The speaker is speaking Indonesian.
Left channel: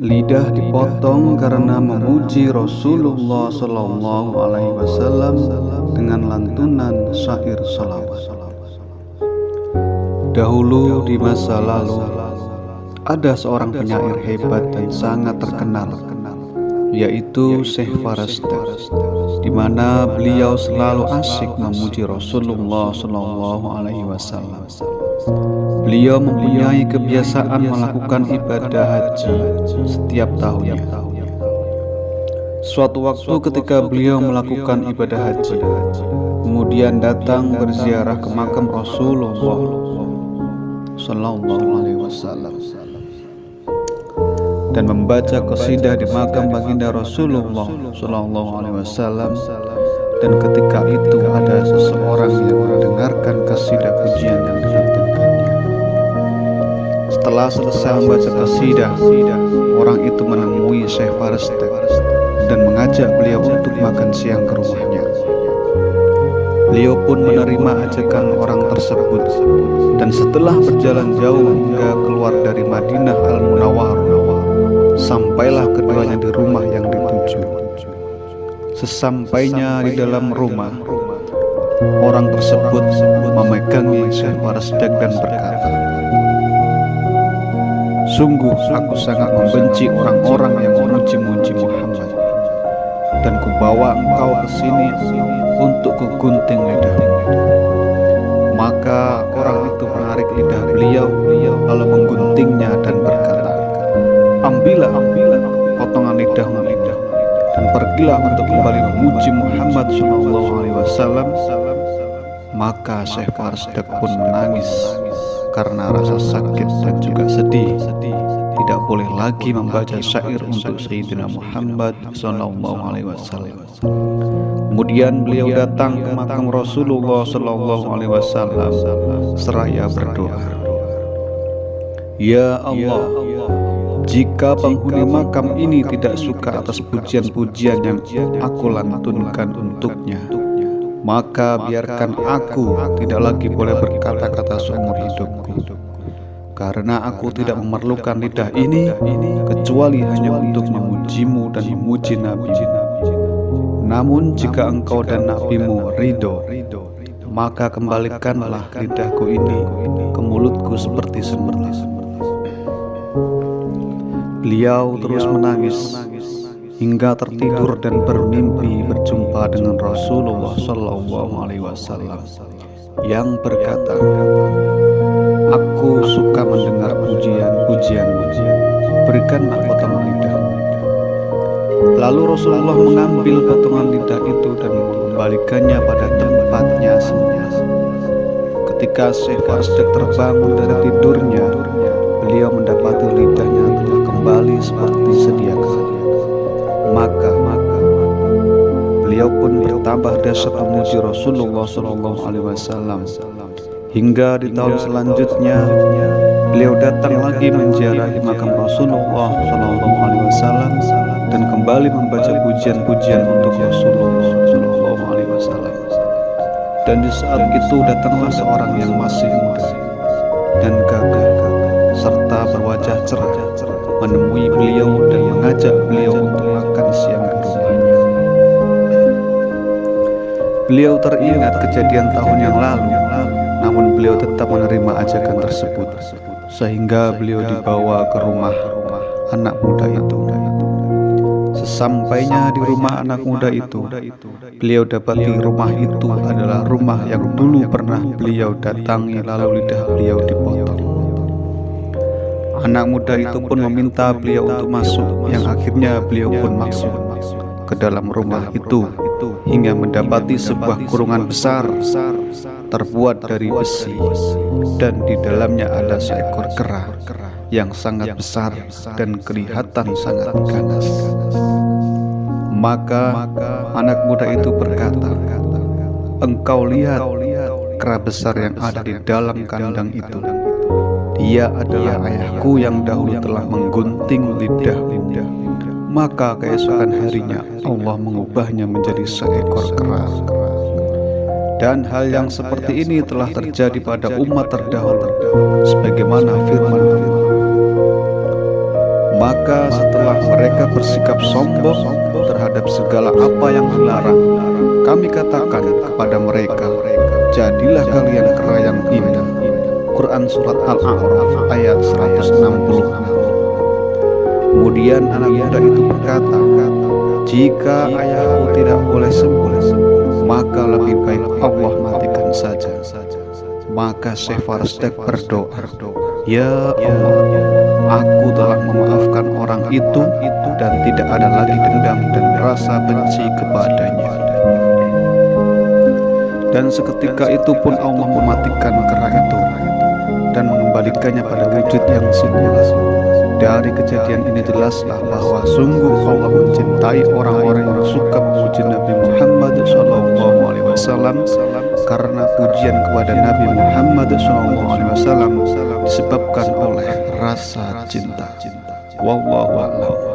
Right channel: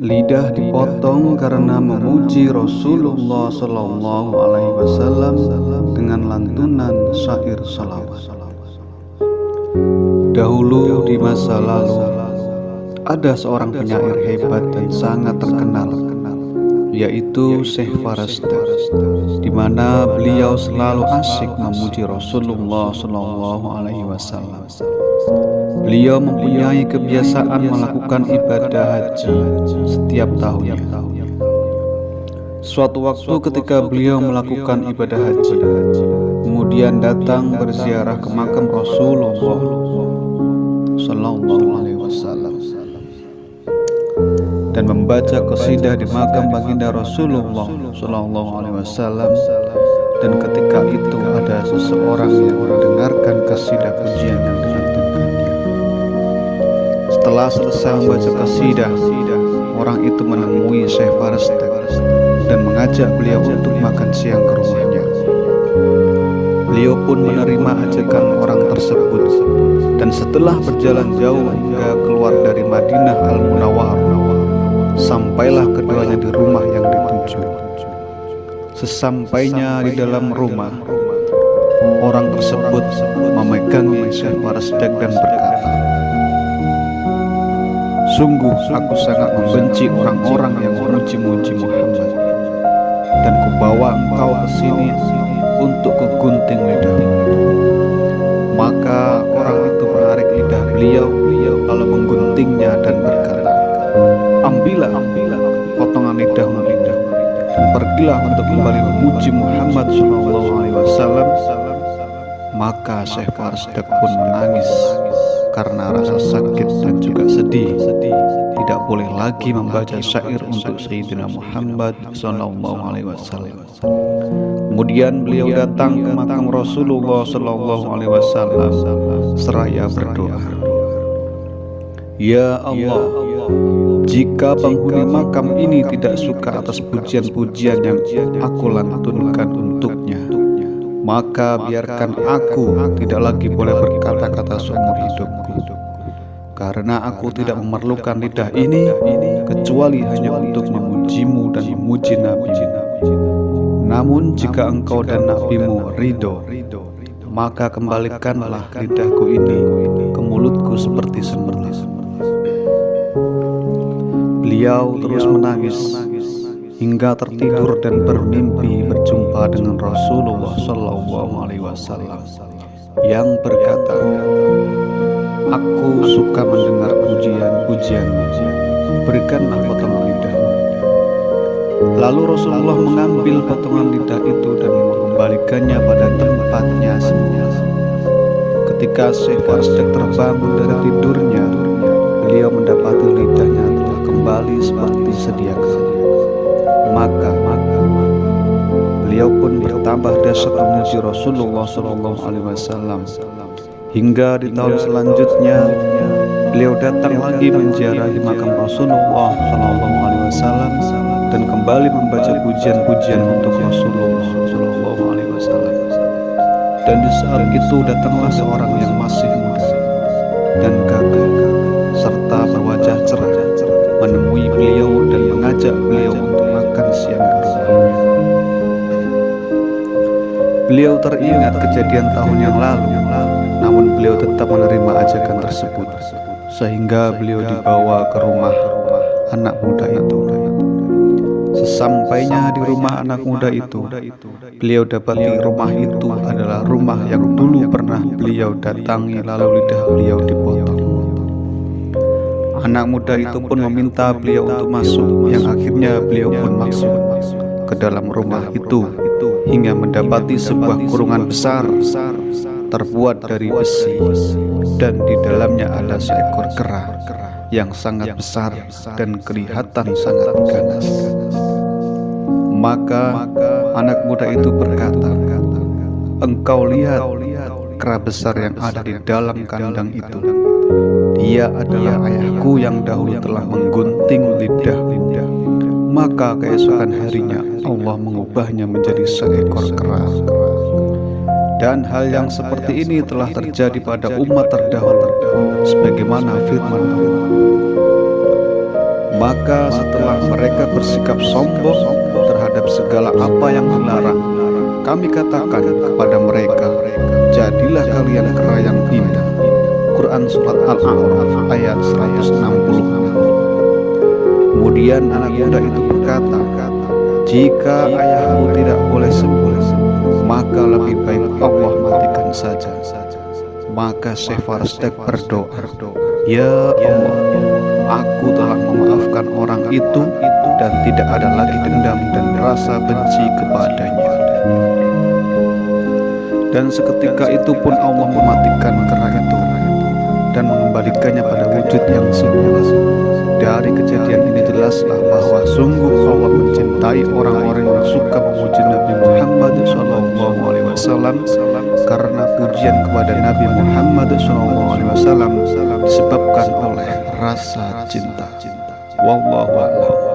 Lidah dipotong karena memuji Rasulullah Sallallahu Alaihi Wasallam dengan lantunan syair salawat. Dahulu di masa lalu ada seorang penyair hebat dan sangat terkenal, yaitu Syekh Faresta, di mana beliau selalu asyik memuji Rasulullah Sallallahu Alaihi Wasallam. Beliau mempunyai kebiasaan melakukan ibadah haji setiap tahunnya. Suatu waktu ketika beliau melakukan ibadah haji, kemudian datang berziarah ke makam Rasulullah Sallallahu Alaihi Wasallam dan membaca qasidah di makam baginda Rasulullah Sallallahu Alaihi Wasallam. Dan ketika itu ada seseorang yang mendengarkan qasidah pujian yang dilantunkannya. Setelah selesai membaca qasidah, orang itu menemui Syekh Faresta dan mengajak beliau untuk makan siang ke rumahnya. Beliau pun menerima ajakan orang tersebut, dan setelah berjalan jauh hingga keluar dari Madinah Al-Munawwarah, sampailah keduanya di rumah yang dituju. Sesampainya di dalam rumah, orang tersebut memegangi Syekh Faresta dan berkata, "Sungguh aku sangat membenci orang-orang yang memuji-muji Muhammad, dan kubawa engkau ke sini untuk kugunting lidahmu." Maka orang itu menarik lidah beliau lalu mengguntingnya dan berkata, Ambillah potongan lidahmu dan pergilah untuk kembali memuji Muhammad SAW." Maka Syekh Faresta pun menangis karena rasa sakit dan juga sedih. Tidak boleh lagi membaca syair untuk Sayyidina Muhammad SAW. Kemudian beliau datang ke makam Rasulullah SAW seraya berdoa, "Ya Allah, jika penghuni makam ini tidak suka atas pujian-pujian yang aku lantunkan untuknya, maka biarkan aku tidak lagi boleh berkata-kata seumur hidupku, karena aku tidak memerlukan lidah ini kecuali hanya untuk memujimu dan memuji Nabi-Mu. Namun jika engkau dan Nabi-Mu ridho, maka kembalikanlah lidahku ini ke mulutku seperti semula." Beliau terus menangis hingga tertidur dan bermimpi berjumpa dengan Rasulullah Sallallahu Alaihi Wasallam yang berkata, "Aku suka mendengar pujian-pujianmu, berikanlah potongan lidahmu." Lalu Rasulullah mengambil potongan lidah itu dan mengembalikannya pada tempatnya semula. Ketika Syekh Faresta terbangun dari tidurnya, beliau mendapati lidahnya telah kembali seperti sedia kala. Maka beliau pun bertambah dahsyat memuji Rasulullah SAW hingga di tahun selanjutnya beliau datang lagi menziarahi makam Rasulullah SAW dan kembali membaca pujian-pujian untuk Rasulullah SAW. Dan di saat itu datanglah seorang yang masih muda dan gagah serta berwajah cerah menemui beliau dan mengajak beliau untuk makan siang di rumahnya. Beliau teringat kejadian tahun yang lalu, namun beliau tetap menerima ajakan tersebut, sehingga beliau dibawa ke rumah anak muda itu. Sesampainya di rumah anak muda itu, beliau dapati rumah itu adalah rumah yang dulu pernah beliau datangi lalu lidah beliau dipotong. Anak muda itu pun meminta beliau untuk masuk, yang akhirnya beliau pun masuk ke dalam rumah itu hingga mendapati sebuah kurungan besar terbuat dari besi, dan di dalamnya ada seekor kera yang sangat besar dan kelihatan sangat ganas. Maka anak muda itu berkata, "Engkau lihat kera besar yang ada di dalam kandang itu. Dia adalah ayahku yang dahulu telah menggunting lidahmu." Maka keesokan harinya Allah mengubahnya menjadi seekor kera. Dan hal yang seperti ini telah terjadi pada umat terdahulu, sebagaimana firman Allah, Maka setelah mereka bersikap sombong terhadap segala apa yang dilarang, kami katakan kepada mereka, jadilah kalian kera yang indah. Quran Surat Al-A'raf ayat 166. Kemudian anak muda itu berkata, jika ayahku tidak boleh sembuh, maka lebih baik Allah matikan saja. Maka Syekh Farsdaq berdoa, ya Allah, aku telah memaafkan orang itu dan tidak ada lagi dendam dan rasa benci kepadanya. Dan seketika itu pun Allah mematikan kera itu dan mengembalikannya pada wujud yang semula. Dari kejadian ini jelaslah bahwa sungguh Allah mencintai orang-orang yang suka memuji Nabi Muhammad SAW, karena pujian kepada Nabi Muhammad SAW disebabkan oleh rasa cinta. Wallahu a'lam.